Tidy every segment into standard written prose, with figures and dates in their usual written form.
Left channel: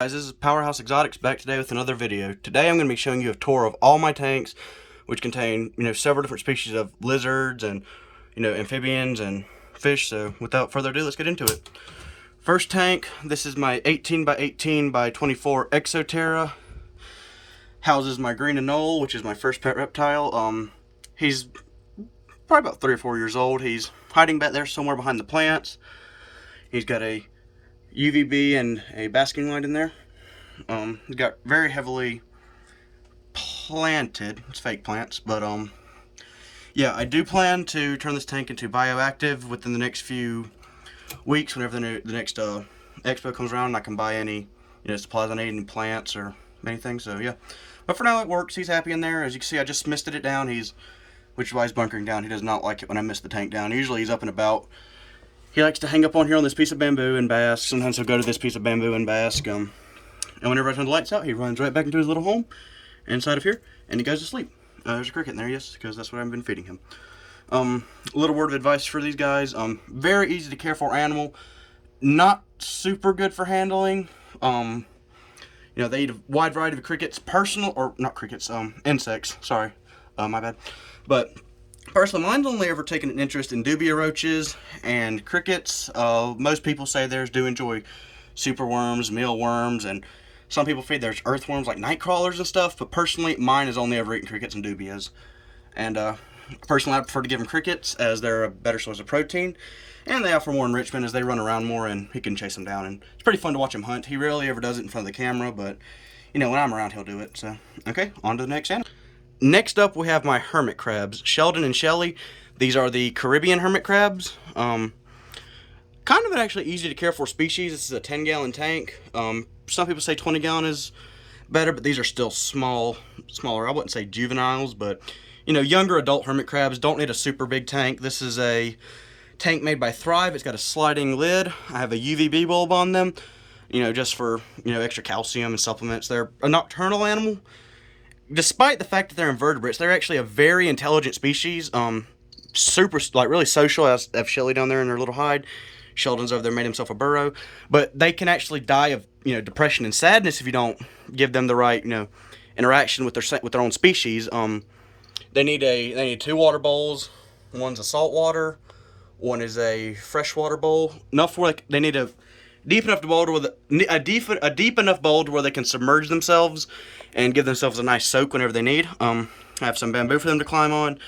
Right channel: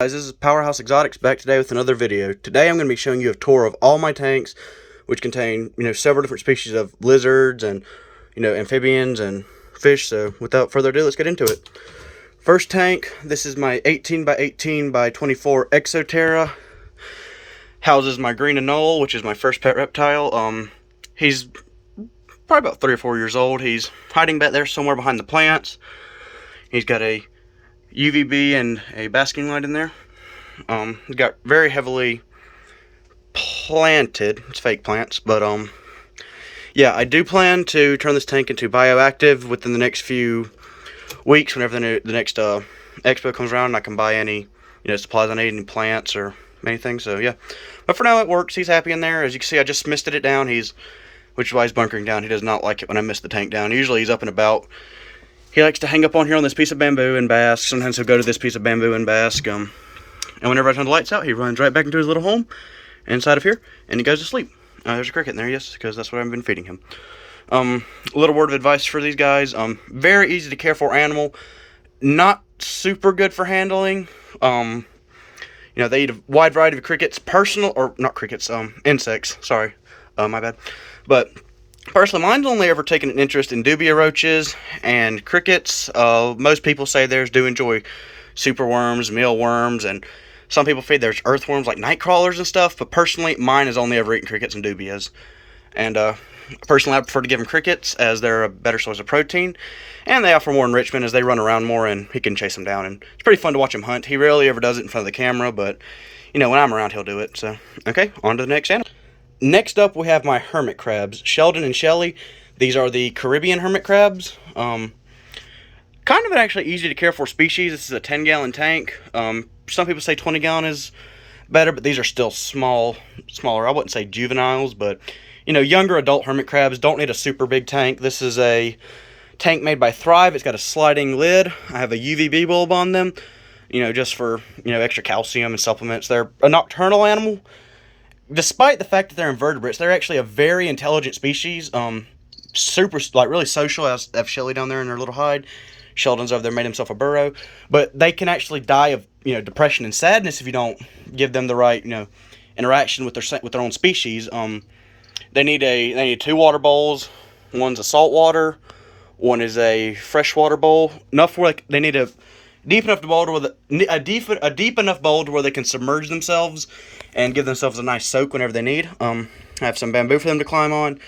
Guys, this is Powerhouse Exotics back today with another video. Today I'm going to be showing you a tour of all my tanks, which contain, several different species of lizards and, amphibians and fish. So without further ado, let's get into it. First tank, this is my 18 by 18 by 24 Exoterra. Houses my green anole, which is my first pet reptile. He's probably about 3 or 4 years old. He's hiding back there somewhere behind the plants. He's got a UVB and a basking light in there. Got very heavily planted. It's fake plants, but yeah, I do plan to turn this tank into bioactive within the next few weeks. Whenever the next expo comes around, and I can buy any supplies I need, any plants or anything. So yeah, but for now it works. He's happy in there. As you can see, I just misted it down. Which is why he's bunkering down. He does not like it when I mist the tank down. Usually he's up and about. He likes to hang up on here on this piece of bamboo and bask. Sometimes he'll go to this piece of bamboo and bask. And whenever I turn the lights out, he runs right back into his little home inside of here, and he goes to sleep. There's a cricket in there, yes, because that's what I've been feeding him. A little word of advice for these guys. Very easy to care for animal. Not super good for handling. They eat a wide variety of crickets. Insects. Sorry, my bad. But personally, mine's only ever taken an interest in dubia roaches and crickets. Most people say theirs do enjoy superworms, mealworms, and some people feed there's earthworms like night crawlers and stuff. But personally, mine has only ever eaten crickets and dubias. And personally, I prefer to give them crickets as they're a better source of protein. And they offer more enrichment as they run around more and he can chase them down. And it's pretty fun to watch him hunt. He rarely ever does it in front of the camera, but when I'm around, he'll do it. So, okay, on to the next animal. Next up, we have my hermit crabs, Sheldon and Shelly. These are the Caribbean hermit crabs. Kind of an actually easy to care for species. This is a 10-gallon tank. Some people say 20-gallon is better, but these are still smaller. I wouldn't say juveniles, but younger adult hermit crabs don't need a super big tank. This is a tank made by Thrive. It's got a sliding lid. I have a UVB bulb on them, just for extra calcium and supplements. They're a nocturnal animal. Despite the fact that they're invertebrates, they're actually a very intelligent species. Super, really social. I have Shelly down there in her little hide. Sheldon's over there made himself a burrow. But they can actually die of, depression and sadness if you don't give them the right, interaction with their own species. They need 2 water bowls. One's a salt water. One is a freshwater bowl. Enough where they need a deep enough bowl to where they can submerge themselves and give themselves a nice soak whenever they need. I have some bamboo for them to climb on.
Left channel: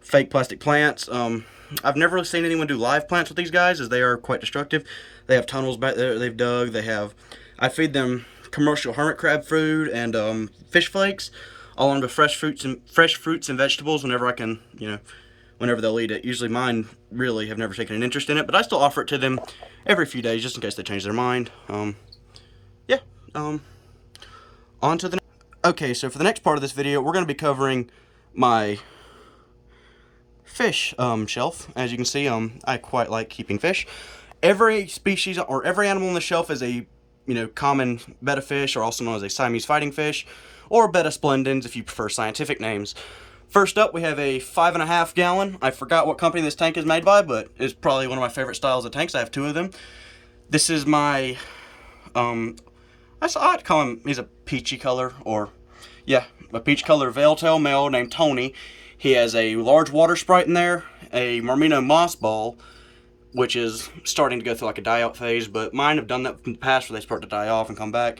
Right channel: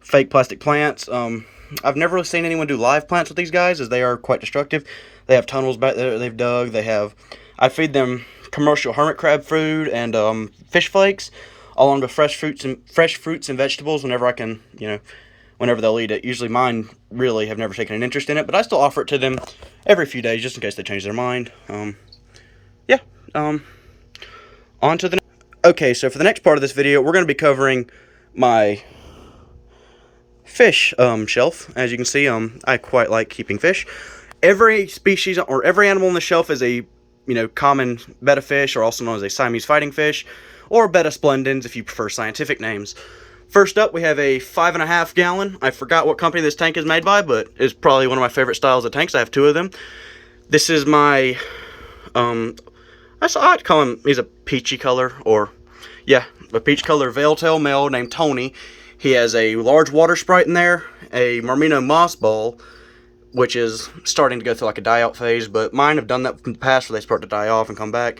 Fake plastic plants. I've never really seen anyone do live plants with these guys, as they are quite destructive. They have tunnels back there they've dug. I feed them commercial hermit crab food and fish flakes, along with fresh fruits and vegetables whenever I can, whenever they'll eat it. Usually mine really have never taken an interest in it, but I still offer it to them every few days just in case they change their mind. On to the Okay, so for the next part of this video, we're going to be covering my fish shelf. As you can see, I quite like keeping fish. Every species or every animal on the shelf is a common betta fish, or also known as a Siamese fighting fish, or betta splendens if you prefer scientific names. First up, we have a 5.5 gallon. I forgot what company this tank is made by, but it's probably one of my favorite styles of tanks. I have 2 of them. This is my I'd call him, he's a peachy color, a peach color veil tail male named Tony. He has a large water sprite in there, a Mermino moss ball, which is starting to go through like a die-out phase, but mine have done that in the past where they start to die off and come back.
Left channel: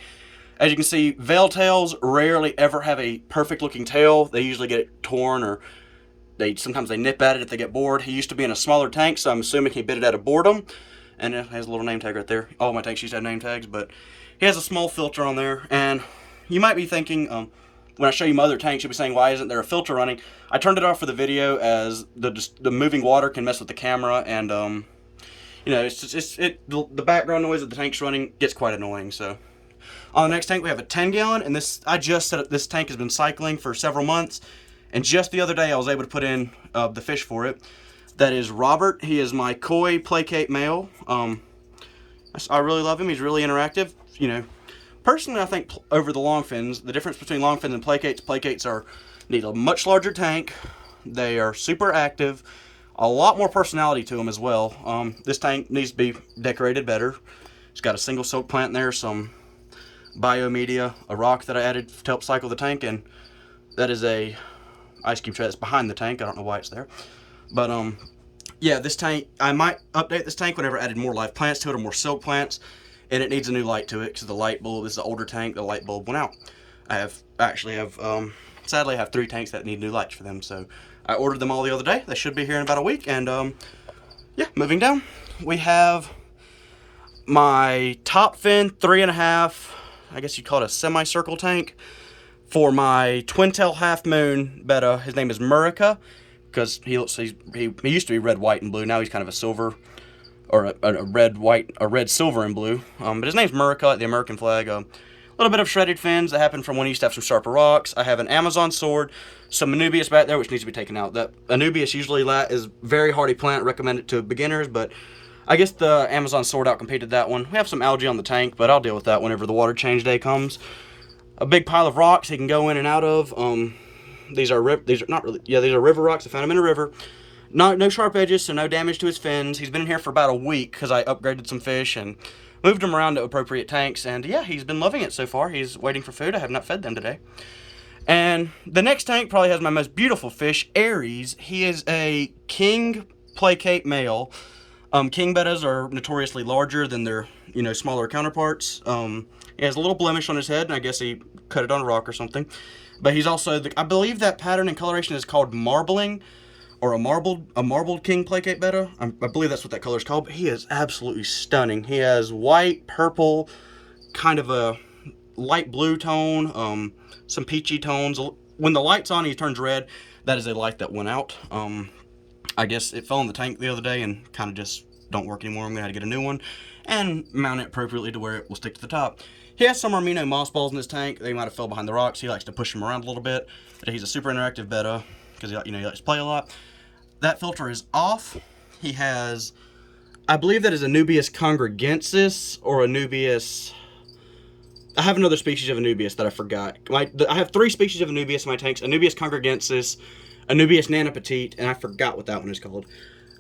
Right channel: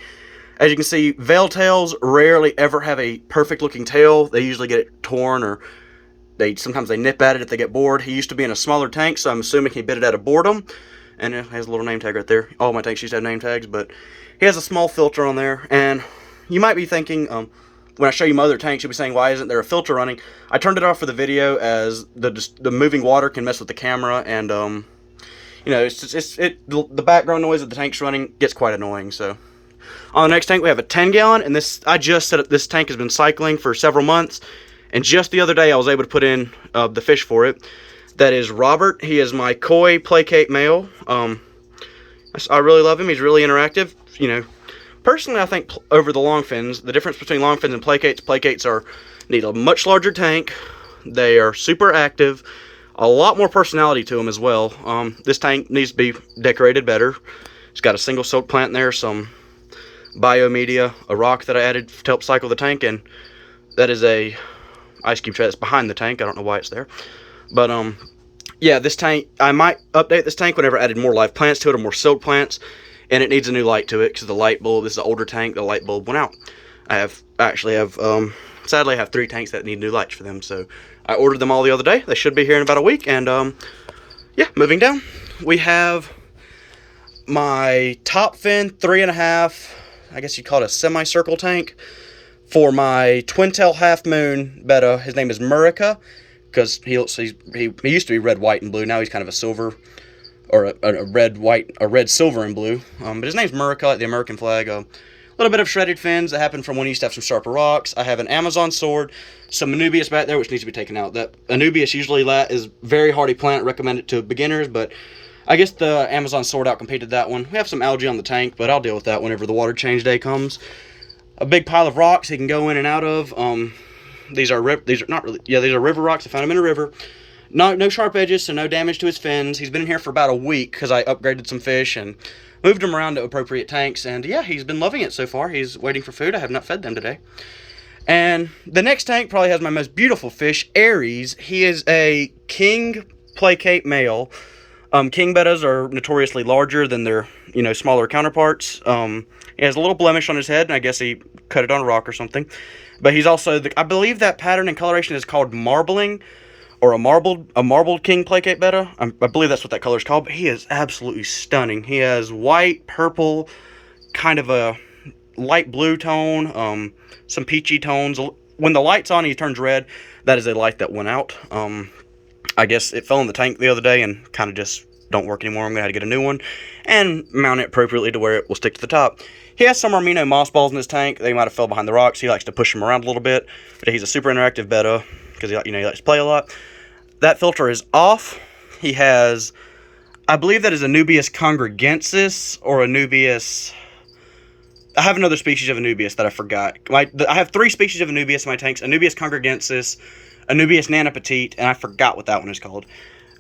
As you can see, veil tails rarely ever have a perfect-looking tail. They usually get it torn, or sometimes they nip at it if they get bored. He used to be in a smaller tank, so I'm assuming he bit it out of boredom. And it has a little name tag right there. All my tanks used to have name tags, but he has a small filter on there. And you might be thinking, when I show you my other tanks, you'll be saying, why isn't there a filter running? I turned it off for the video, as the moving water can mess with the camera, and the background noise that the tank's running gets quite annoying. So on the next tank, we have a 10-gallon, and I just set up. This tank has been cycling for several months, and just the other day I was able to put in the fish for it. That is Robert. He is my koi placate male. I really love him. He's really interactive. Personally, I think over the longfins, the difference between longfins and placates need a much larger tank. They are super active. A lot more personality to them as well. This tank needs to be decorated better. It's got a single soak plant in there, some biomedia, a rock that I added to help cycle the tank, and that is a ice cube tray that's behind the tank. I don't know why it's there. But, yeah, this tank, I might update this tank whenever I added more live plants to it or more silk plants, and it needs a new light to it because the light bulb, this is an older tank, the light bulb went out. Sadly, I have 3 tanks that need new lights for them, so I ordered them all the other day. They should be here in about a week, and, yeah, moving down, we have my Topfin 3.5, I guess you'd call it a semicircle tank, for my twin-tail half-moon betta. His name is Murica, because he used to be red, white, and blue. Now he's kind of a silver, or a red, white, a red, silver, and blue. But his name's Murica, like the American flag. A little bit of shredded fins that happened from when he used to have some sharper rocks. I have an Amazon sword, some Anubias back there, which needs to be taken out. That Anubias usually is very hardy plant, recommend it to beginners, but I guess the Amazon sword outcompeted that one. We have some algae on the tank, but I'll deal with that whenever the water change day comes. A big pile of rocks he can go in and out of. These are river rocks. I found him in a river. No sharp edges, so no damage to his fins. He's been in here for about a week because I upgraded some fish and moved him around to appropriate tanks. And yeah, he's been loving it so far. He's waiting for food. I have not fed them today. And the next tank probably has my most beautiful fish, Aries. He is a king placate male. King bettas are notoriously larger than their, smaller counterparts. He has a little blemish on his head, and I guess he cut it on a rock or something. But he's also, I believe that pattern and coloration is called marbling, or a marbled king placate betta. I believe that's what that color is called, but he is absolutely stunning. He has white, purple, kind of a light blue tone, some peachy tones. When the light's on, he turns red. That is a light that went out. I guess it fell in the tank the other day and kind of just don't work anymore. I'm going to have to get a new one and mount it appropriately to where it will stick to the top. He has some Armino moss balls in his tank. They might have fell behind the rocks. He likes to push them around a little bit, but he's a super interactive betta because he likes to play a lot. That filter is off. He has, I believe that is Anubias congregensis or Anubias. I have another species of Anubias that I forgot. I have 3 species of Anubias in my tanks: Anubias congregensis, Anubias nanopetite, and I forgot what that one is called.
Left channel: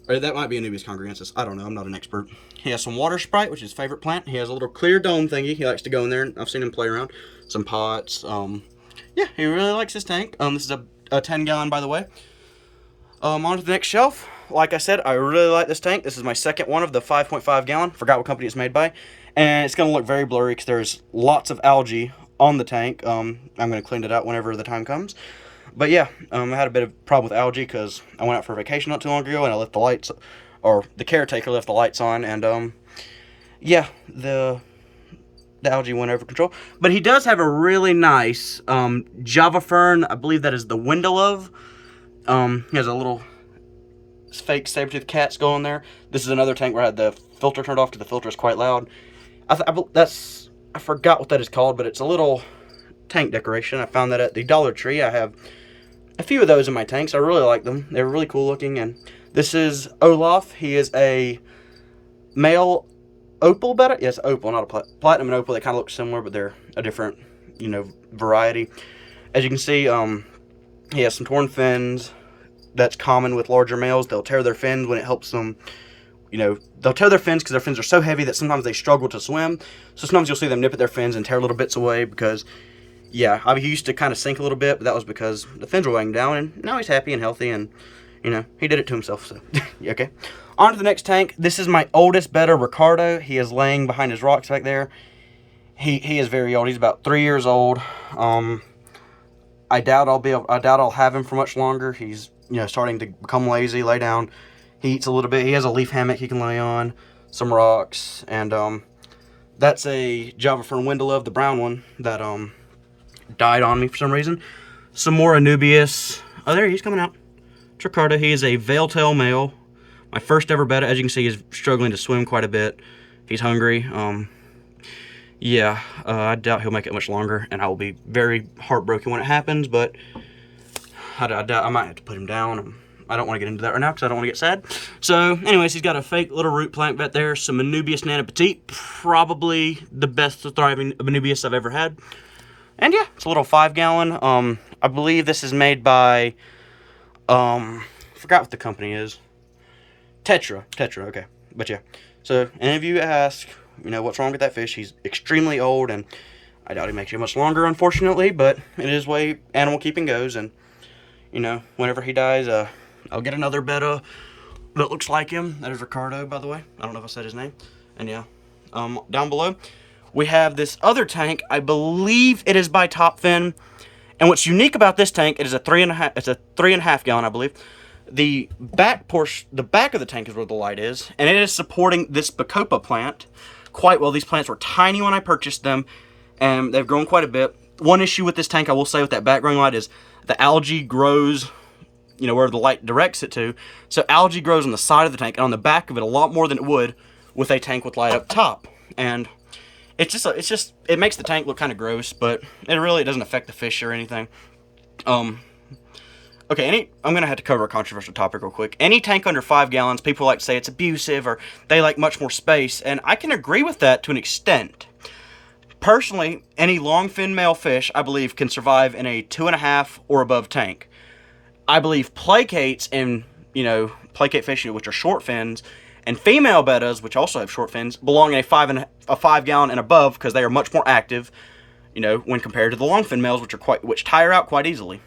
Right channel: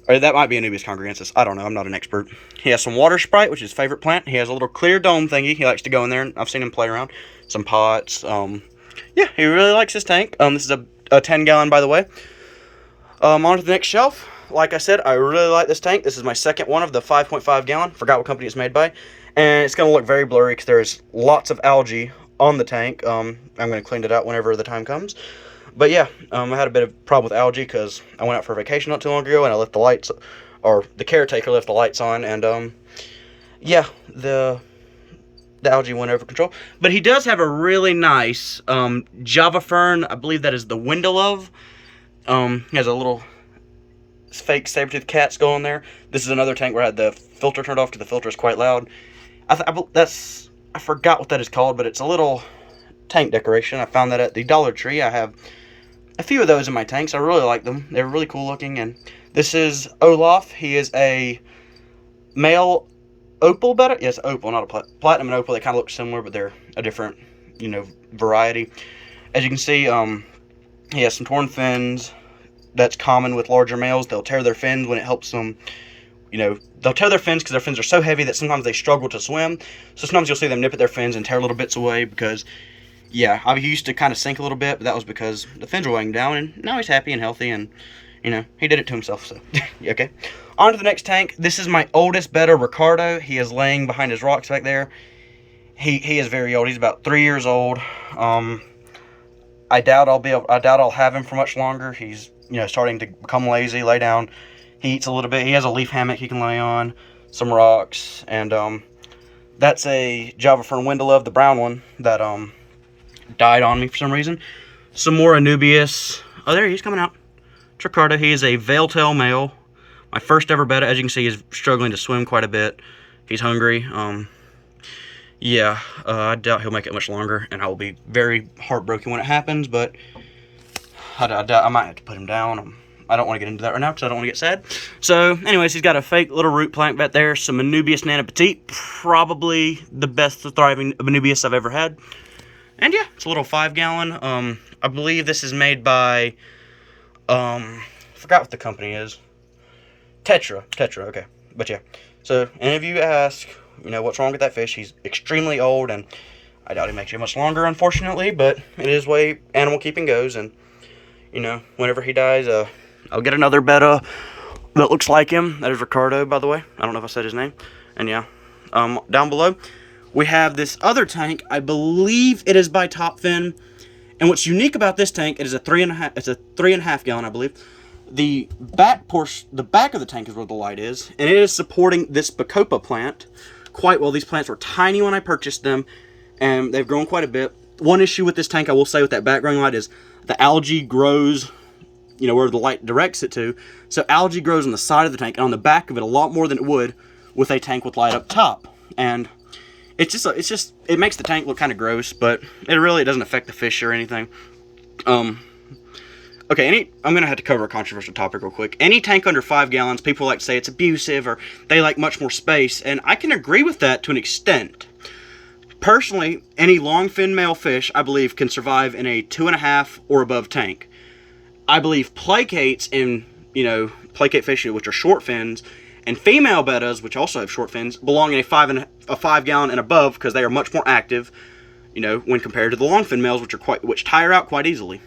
Or that might be Anubias congregensis. I don't know. I'm not an expert. He has some water sprite, which is his favorite plant. He has a little clear dome thingy. He likes to go in there, and I've seen him play around. Some pots. Yeah, he really likes his tank. This is a 10-gallon, by the way. On to the next shelf. Like I said, I really like this tank. This is my second one of the 5.5 gallon. Forgot what company it's made by. And it's going to look very blurry because there's lots of algae on the tank. I'm going to clean it out whenever the time comes. But yeah, I had a bit of problem with algae because I went out for vacation not too long ago and I left the lights, or the caretaker left the lights on, and yeah, the algae went over control. But he does have a really nice Java fern. I believe that is the window. He has a little fake saber-toothed cats going there. This is another tank where I had the filter turned off because the filter is quite loud. I forgot what that is called, but it's a little tank decoration. I found that at the Dollar Tree. I have a few of those in my tanks. I really like them. They're really cool looking. And this is Olaf. He is a male Opal betta. Yes, Opal, not a platinum and Opal. They kind of look similar, but they're a different, variety. As you can see, he has some torn fins. That's common with larger males. They'll tear their fins when it helps them. They'll tear their fins because their fins are so heavy that sometimes they struggle to swim. So sometimes you'll see them nip at their fins and tear little bits away because, yeah, he used to kind of sink a little bit, but that was because the fins were weighing down, and now he's happy and healthy, and, he did it to himself, so, okay. On to the next tank. This is my oldest betta, Ricardo. He is laying behind his rocks back there. He is very old. He's about 3 years old. I doubt I'll have him for much longer. He's, starting to become lazy, lay down. He eats a little bit. He has a leaf hammock he can lay on, some rocks, and that's a Java fern windowlove, the brown one that died on me for some reason. Some more Anubias. Oh, there he's coming out. Ricardo. He is a veil-tail male. My first ever betta. As you can see, he's struggling to swim quite a bit. He's hungry. Yeah, I doubt he'll make it much longer, and I will be very heartbroken when it happens, but I doubt I might have to put him down. I don't want to get into that right now because I don't want to get sad. So, anyways, he's got a fake little root plant back there. Some Anubias nanopetite. Probably the best thriving Anubias I've ever had. And yeah, it's a little 5-gallon. I believe this is made by, forgot what the company is. Tetra, okay. But yeah. So, any of you ask, what's wrong with that fish? He's extremely old, and I doubt he makes it much longer, unfortunately, but it is the way animal keeping goes. And, you know, whenever he dies, I'll get another betta that looks like him. That is Ricardo, by the way. I don't know if I said his name. And yeah, down below, we have this other tank. I believe it is by Topfin. And what's unique about this tank, it is a 3.5. It's a 3.5 gallon, I believe. The back portion, the back of the tank is where the light is, and it is supporting this Bacopa plant quite well. These plants were tiny when I purchased them, and they've grown quite a bit. One issue with this tank, I will say, with that background light is the algae grows, you know, where the light directs it to. So algae grows on the side of the tank and on the back of it a lot more than it would with a tank with light up top. And it makes the tank look kind of gross, but it doesn't affect the fish or anything. Okay, I'm going to have to cover a controversial topic real quick. Any tank under 5 gallons, people like to say it's abusive or they like much more space, and I can agree with that to an extent. Personally, any long-fin male fish, I believe, can survive in a 2.5 or above tank. I believe placates and, you know, placate fish, which are short fins, and female bettas, which also have short fins, belong in a 5 gallon and above because they are much more active, you know, when compared to the long fin males, which tire out quite easily.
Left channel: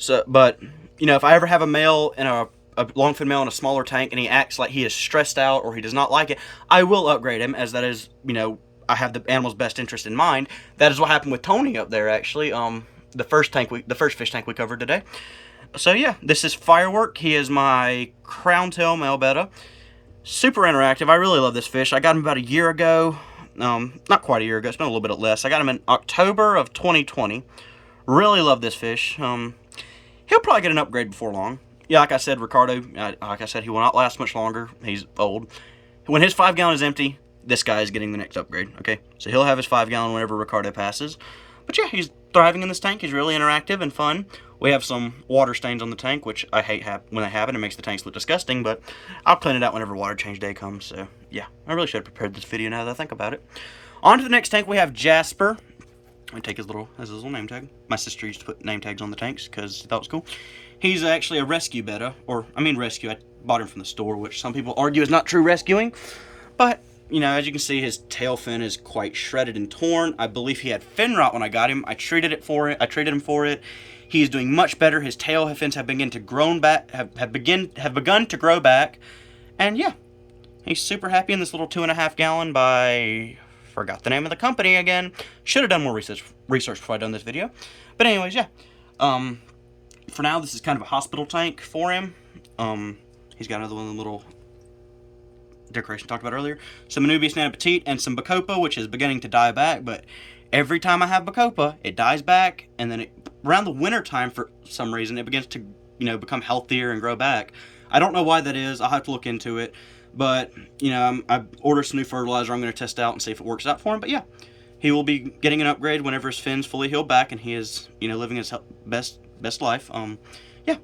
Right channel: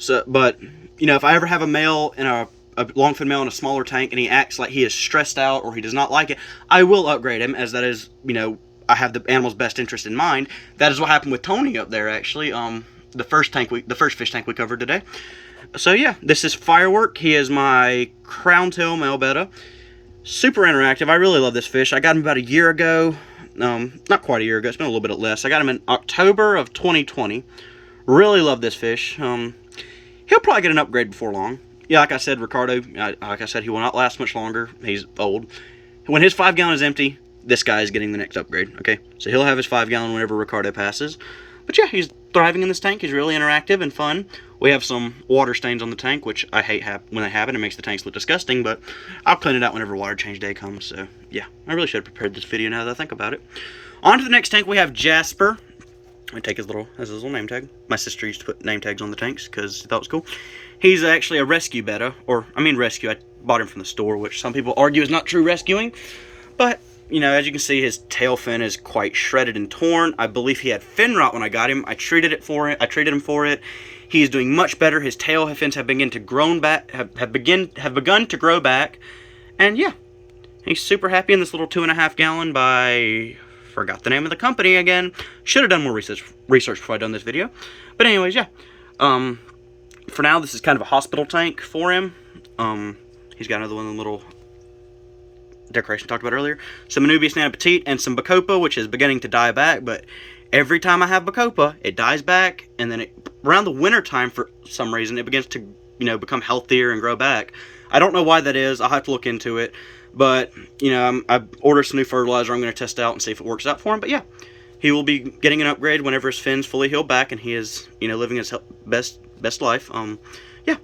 So, but, you know, if I ever have a male in a long fin male in a smaller tank and he acts like he is stressed out or he does not like it, I will upgrade him, as that is, you know, I have the animal's best interest in mind. That is what happened with Tony up there, actually. The first fish tank we covered today. So yeah, this is Firework. He is my crown tail male betta. Super interactive. I really love this fish. I got him about a year ago. Not quite a year ago. It's been a little bit less. I got him in October of 2020. Really love this fish. He'll probably get an upgrade before long. Yeah, like I said, Ricardo, like I said, he will not last much longer. He's old. When his 5 gallon is empty, this guy is getting the next upgrade, okay? So he'll have his 5 gallon whenever Ricardo passes. But yeah, he's thriving in this tank. He's really interactive and fun. We have some water stains on the tank, which I hate when they happen. It makes the tanks look disgusting, but I'll clean it out whenever water change day comes. So yeah, I really should have prepared this video now that I think about it. On to the next tank, we have Jasper. I take his little name tag. My sister used to put name tags on the tanks because she thought it was cool. He's actually a rescue betta, rescue. I bought him from the store, which some people argue is not true rescuing. But, you know, as you can see, his tail fin is quite shredded and torn. I believe he had fin rot when I got him. I treated him for it. He's doing much better. His tail fins have begun to begun to grow back. And yeah, he's super happy in this little 2.5 gallon by, forgot the name of the company again. Should have done more research before I done this video. But anyways, yeah. For now, this is kind of a hospital tank for him. He's got another one of the little decoration I talked about earlier. Some Anubias Nana Petite and some Bacopa, which is beginning to die back. But every time I have Bacopa, it dies back. And then around the winter time, for some reason, it begins to, you know, become healthier and grow back. I don't know why that is. I'll have to look into it. But, you know, I've ordered some new fertilizer. I'm going to test out and see if it works out for him. But yeah, he will be getting an upgrade whenever his fins fully heal back and he is, you know, living his best life. Yeah,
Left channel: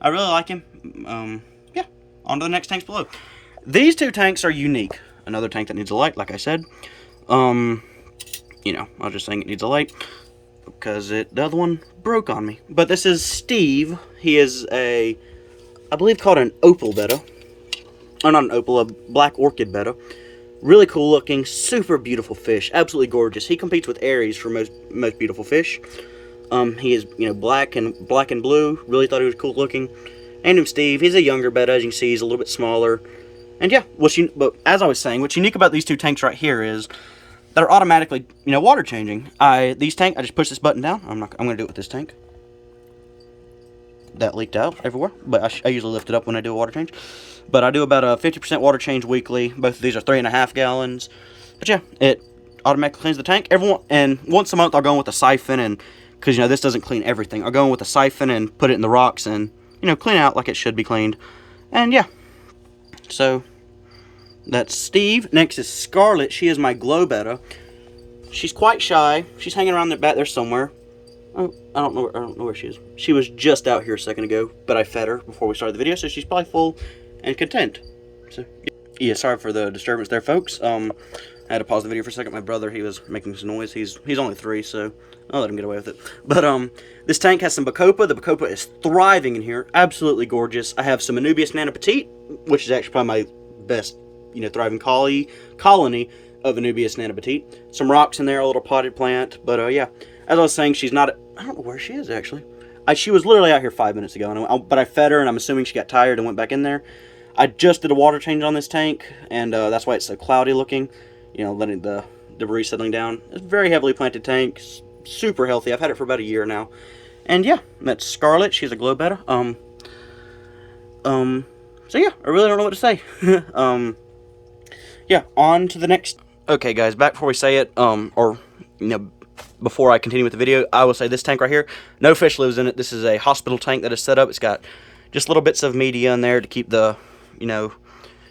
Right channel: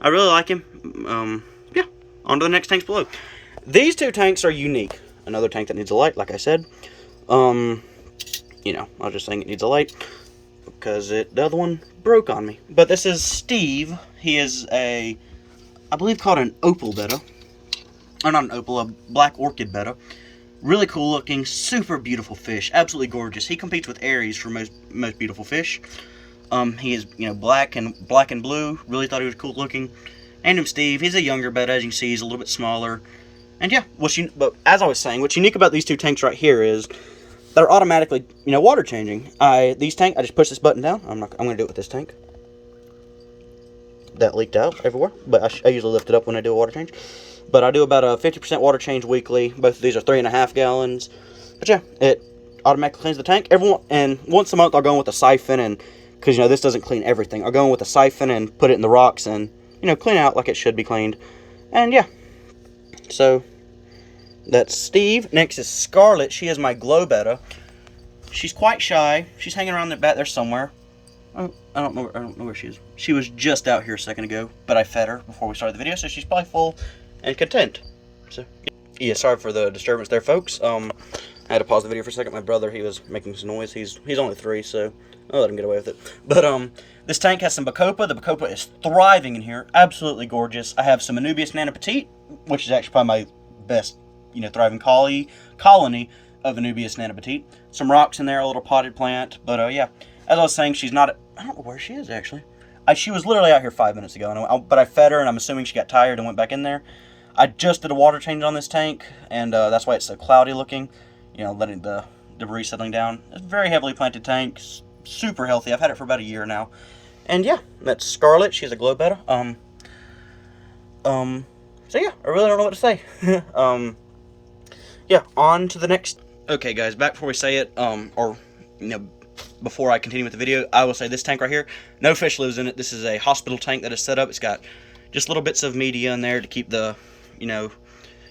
I really like him. Yeah, on to the next tanks below. These two tanks are unique. Another tank that needs a light, like I said. You know, I was just saying it needs a light because the other one broke on me. But this is Steve. He is I believe called an Opal betta. Oh, not an Opal, a black orchid betta. Really cool looking, super beautiful fish, absolutely gorgeous. He competes with Aries for most beautiful fish. He is, you know, black and blue. Really thought he was cool looking. And him Steve, he's a younger betta, as you can see, he's a little bit smaller. And yeah, but as I was saying, what's unique about these two tanks right here is they're automatically, you know, water changing. I just push this button down. I'm gonna do it with this tank. That leaked out everywhere, but I usually lift it up when I do a water change. But I do about a 50% water change weekly. Both of these are 3.5 gallons. But yeah, it automatically cleans the tank. And once a month I'll go in with a siphon, and because, you know, this doesn't clean everything, I'll go in with a siphon and put it in the rocks and, you know, clean out like it should be cleaned. And yeah, so that's Steve. Next is Scarlet. She is my glow betta. She's quite shy. She's hanging around back there somewhere. I don't know where she is. She was just out here a second ago, but I fed her before we started the video, so she's probably full and content. So yeah, sorry for the disturbance there, folks. I had to pause the video for a second. My brother, he was making some noise. He's only 3, so I'll let him get away with it. But this tank has some Bacopa. The Bacopa is thriving in here, absolutely gorgeous. I have some Anubias Nana Petite, which is actually probably my best, you know, thriving colony. of Anubias nanobatite. Some rocks in there, a little potted plant. But yeah, as I was saying, she's not. I don't know where she is actually. She was literally out here 5 minutes ago, but I fed her, and I'm assuming she got tired and went back in there. I just did a water change on this tank, and that's why it's so cloudy looking. You know, letting the debris settling down. It's a very heavily planted tank, super healthy. I've had it for about a year now, and yeah, that's Scarlet. She's a glow betta. So yeah, I really don't know what to say. Yeah, on to the next. Okay, guys, back before we say it, or you know, before I continue with the video, I will say this tank right here, no fish lives in it. This is a hospital tank that is set up. It's got just little bits of media in there to keep the, you know,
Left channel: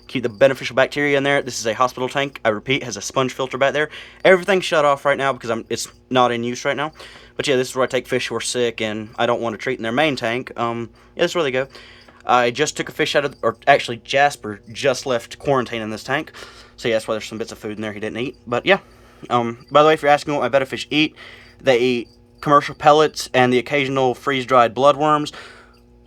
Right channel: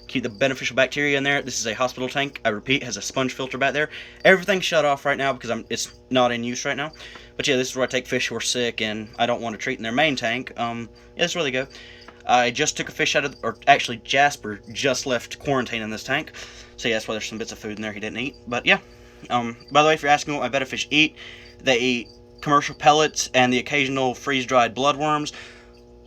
keep the beneficial bacteria in there. This is a hospital tank. I repeat, has a sponge filter back there. Everything's shut off right now because it's not in use right now. But yeah, this is where I take fish who are sick and I don't want to treat in their main tank. Yeah, this is where they go. I just took a fish out of, or actually Jasper just left quarantine in this tank. So yeah, that's why there's some bits of food in there he didn't eat. But yeah, by the way, if you're asking what my betta fish eat, they eat commercial pellets and the occasional freeze-dried bloodworms.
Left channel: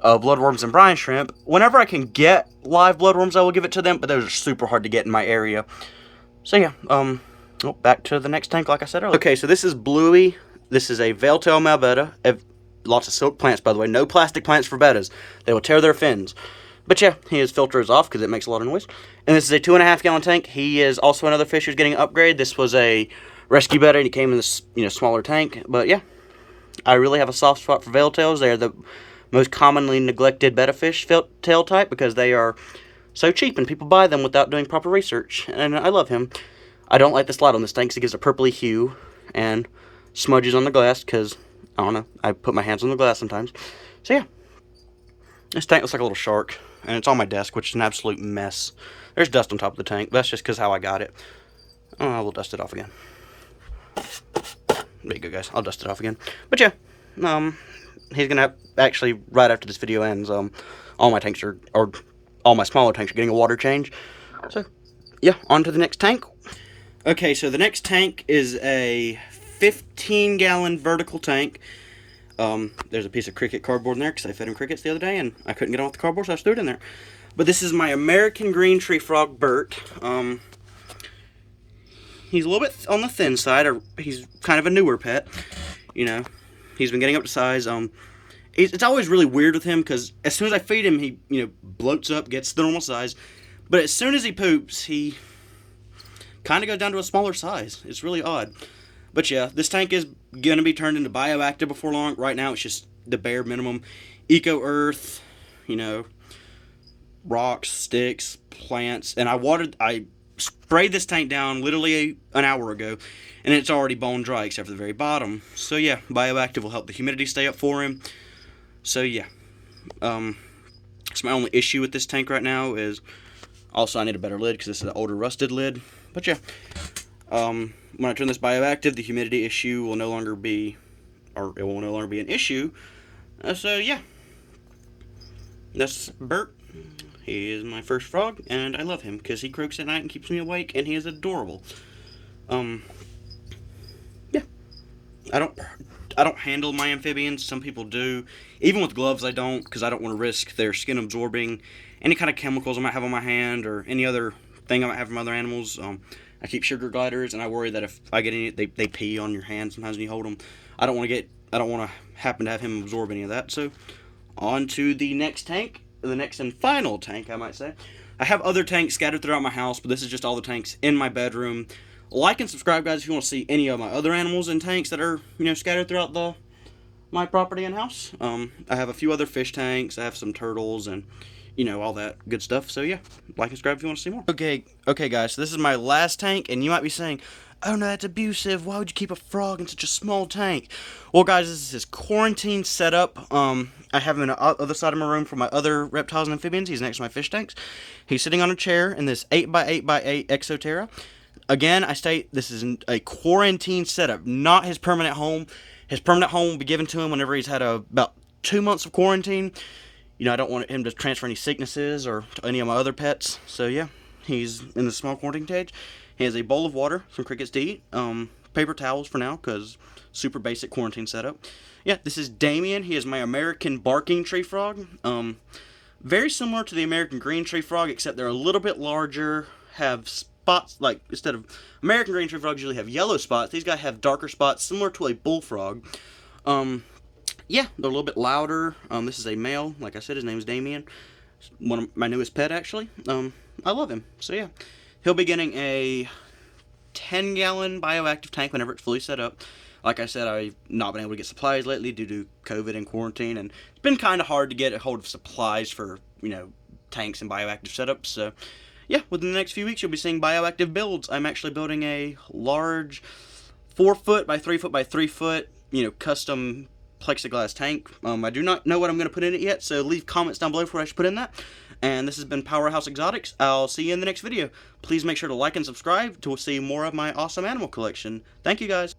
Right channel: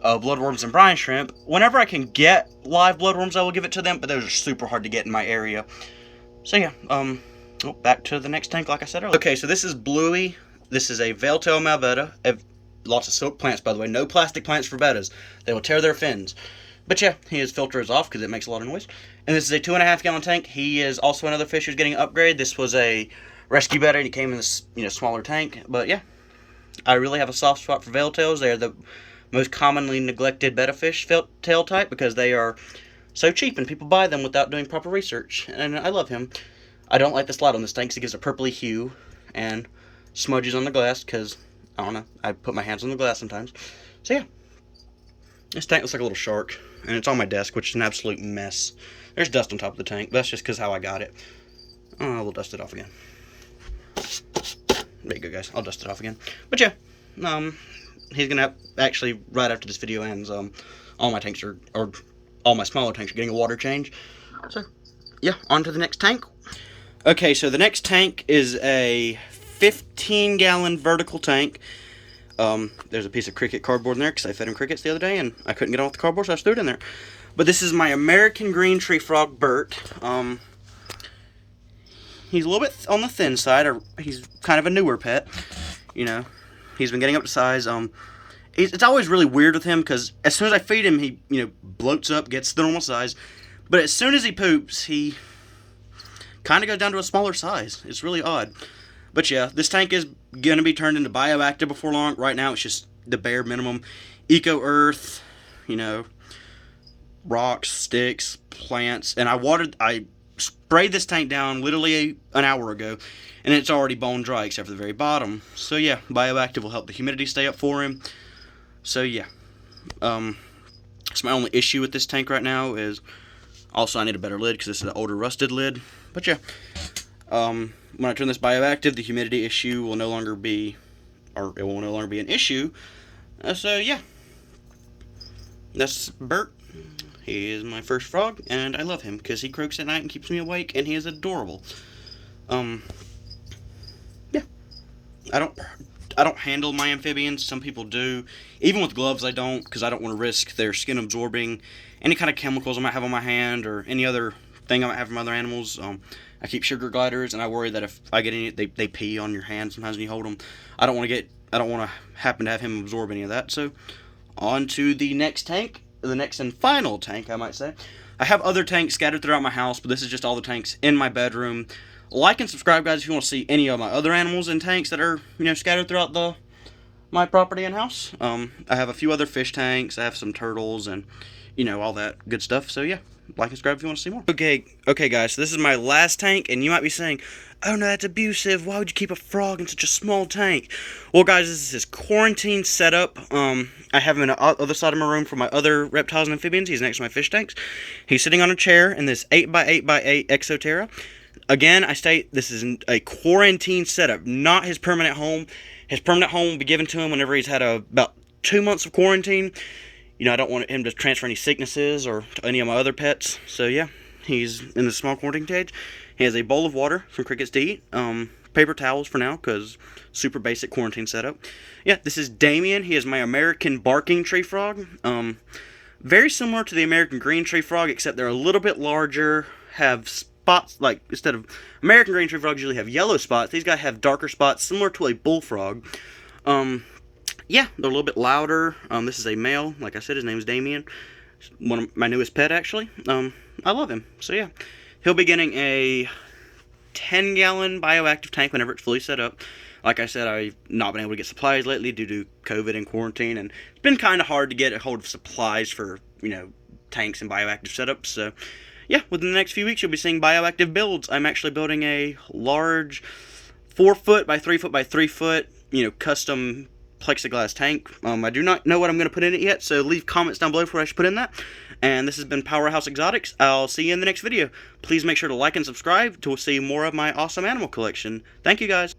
Bloodworms and brine shrimp. Whenever I can get live bloodworms, I will give it to them, but those are super hard to get in my area. So yeah, back to the next tank like I said earlier. Okay, so this is Bluey. This is a veil-tail male betta. Lots of silk plants, by the way. No plastic plants for bettas. They will tear their fins. But yeah, his filter is off because it makes a lot of noise. And this is a 2.5 gallon tank. He is also another fish who's getting an upgrade. This was a rescue betta, and he came in this, you know, smaller tank. But yeah, I really have a soft spot for veil-tails. They are the most commonly neglected betta fish tail type because they are so cheap and people buy them without doing proper research. And I love him. I don't like the slide on this tank because it gives a purpley hue and smudges on the glass because, I don't know, I put my hands on the glass sometimes. So yeah, this tank looks like a little shark, and it's on my desk, which is an absolute mess. There's dust on top of the tank, but that's just because how I got it. Oh, we'll dust it off again. There you go, guys. I'll dust it off again. But yeah, he's gonna have, actually, right after this video ends, all my tanks are, or all my smaller tanks are getting a water change. So yeah, on to the next tank. Okay, so the next tank is a 15-gallon vertical tank. There's a piece of cricket cardboard in there because I fed him crickets the other day and I couldn't get off the cardboard, so I threw it in there. But this is my American green tree frog, Bert. He's a little bit on the thin side. He's kind of a newer pet. You know, he's been getting up to size. It's always really weird with him because as soon as I feed him, he, you know, bloats up, gets the normal size. But as soon as he poops, he kind of goes down to a smaller size. It's really odd. But yeah, this tank is going to be turned into bioactive before long. Right now, it's just the bare minimum. Eco-earth, you know, rocks, sticks, plants. And I sprayed this tank down literally an hour ago, and it's already bone dry except for the very bottom. So yeah, bioactive will help the humidity stay up for him. So yeah, it's my only issue with this tank right now is also I need a better lid because this is an older rusted lid. But yeah, when I turn this bioactive, the humidity issue will no longer be, or it will no longer be an issue. So yeah, that's Bert. He is my first frog, and I love him because he croaks at night and keeps me awake, and he is adorable. Yeah, I don't handle my amphibians. Some people do. Even with gloves, I don't, because I don't want to risk their skin absorbing any kind of chemicals I might have on my hand or any other thing I might have from other animals. I keep sugar gliders, and I worry that if I get any, they pee on your hand sometimes when you hold them. I don't want to happen to have him absorb any of that. So, on to the next tank, the next and final tank, I might say. I have other tanks scattered throughout my house, but this is just all the tanks in my bedroom. Like and subscribe, guys, if you want to see any of my other animals and tanks that are, you know, scattered throughout my property and house. I have a few other fish tanks. I have some turtles and, you know, all that good stuff. So yeah, like and subscribe if you want to see more. Okay, guys, so this is my last tank, and you might be saying, oh no, that's abusive. Why would you keep a frog in such a small tank? Well, guys, this is his quarantine setup. I have him in the other side of my room for my other reptiles and amphibians. He's next to my fish tanks. He's sitting on a chair in this 8x8x8 Exoterra. Again, I state this is a quarantine setup, not his permanent home. His permanent home will be given to him whenever he's had about 2 months of quarantine. You know, I don't want him to transfer any sicknesses or to any of my other pets. So yeah, he's in the small quarantine cage. He has a bowl of water for crickets to eat. Paper towels for now, because super basic quarantine setup. Yeah, this is Damien. He is my American barking tree frog. Very similar to the American green tree frog, except they're a little bit larger, have spots, like instead of American green tree frogs usually have yellow spots, these guys have darker spots similar to a bullfrog. Yeah, they're a little bit louder. This is a male. Like I said, his name is Damien. One of my newest pet, actually. I love him. So yeah, he'll be getting a 10-gallon bioactive tank whenever it's fully set up. Like I said, I've not been able to get supplies lately due to COVID and quarantine, and it's been kind of hard to get a hold of supplies for, tanks and bioactive setups. So yeah, within the next few weeks, you'll be seeing bioactive builds. I'm actually building a large 4-foot by 3-foot by 3-foot, custom plexiglass tank. I do not know what I'm going to put in it yet, so leave comments down below for what I should put in that. And this has been Powerhouse Exotics. I'll see you in the next video. Please make sure to like and subscribe to see more of my awesome animal collection. Thank you, guys.